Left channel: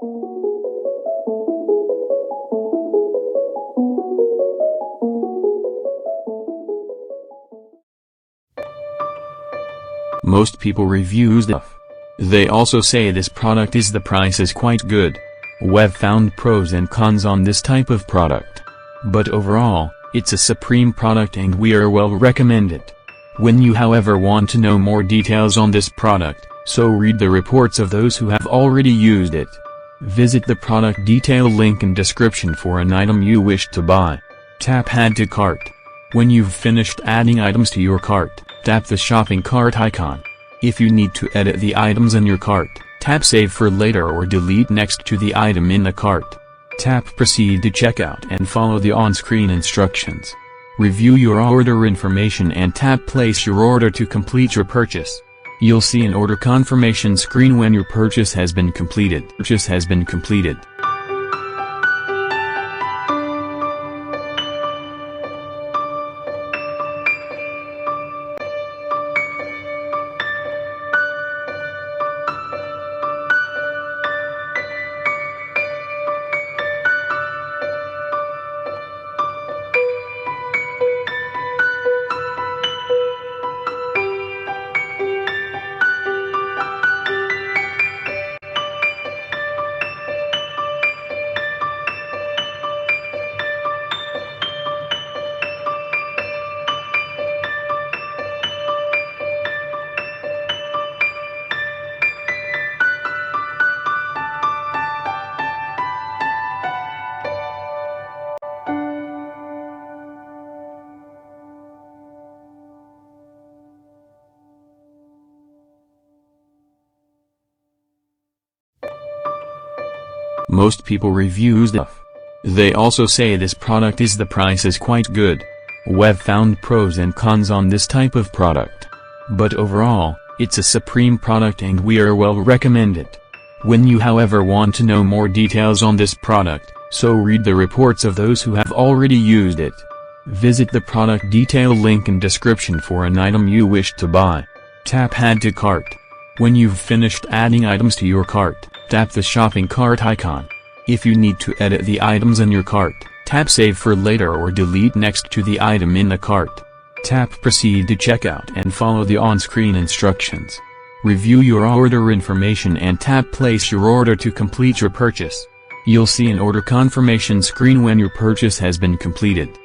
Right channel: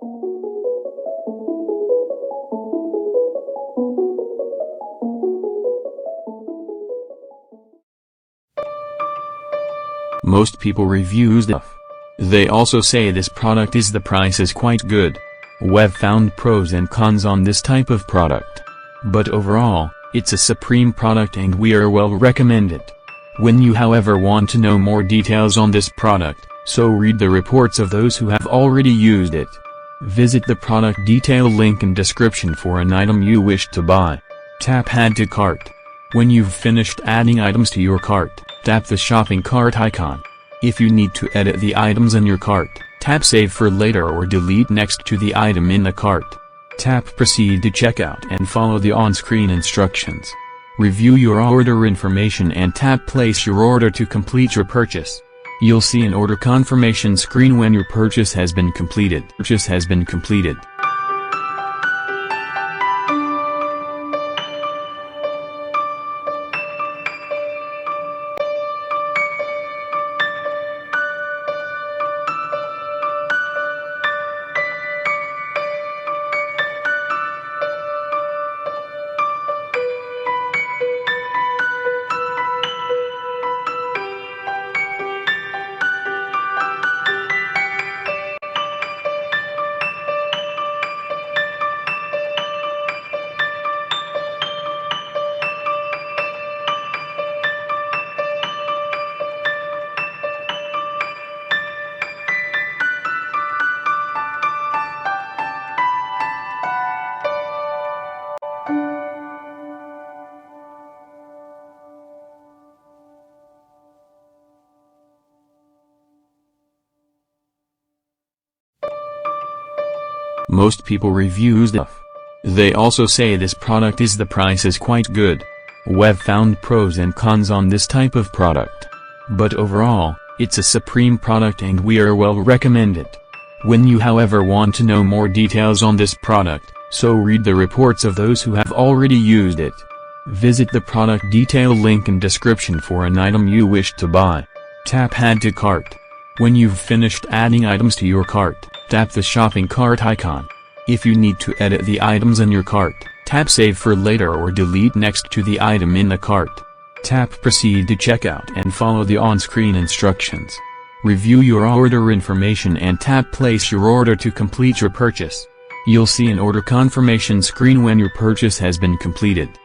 Most people reviews stuff. They also say this product is the price is quite good. We've found pros and cons on this type of product. But overall, it's a supreme product and we are well recommend it. When you however want to know more details on this product, so read the reports of those who have already used it. Visit the product detail link in description for an item you wish to buy. Tap Add to Cart. When you've finished adding items to your cart, tap the shopping cart icon. If you need to edit the items in your cart, tap Save for later or delete next to the item in the cart. Tap Proceed to checkout and follow the on-screen instructions. Review your order information and tap Place your order to complete your purchase. You'll see an order confirmation screen when your purchase has been completed. Most people review stuff. They also say this product is the price is quite good. We've found pros and cons on this type of product. But overall, it's a supreme product and we are well recommend it. When you however want to know more details on this product, so read the reports of those who have already used it. Visit the product detail link in description for an item you wish to buy. Tap Add to Cart. When you've finished adding items to your cart, tap the shopping cart icon. If you need to edit the items in your cart, tap Save for later or delete next to the item in the cart. Tap Proceed to checkout and follow the on-screen instructions. Review your order information and tap Place your order to complete your purchase. You'll see an order confirmation screen when your purchase has been completed.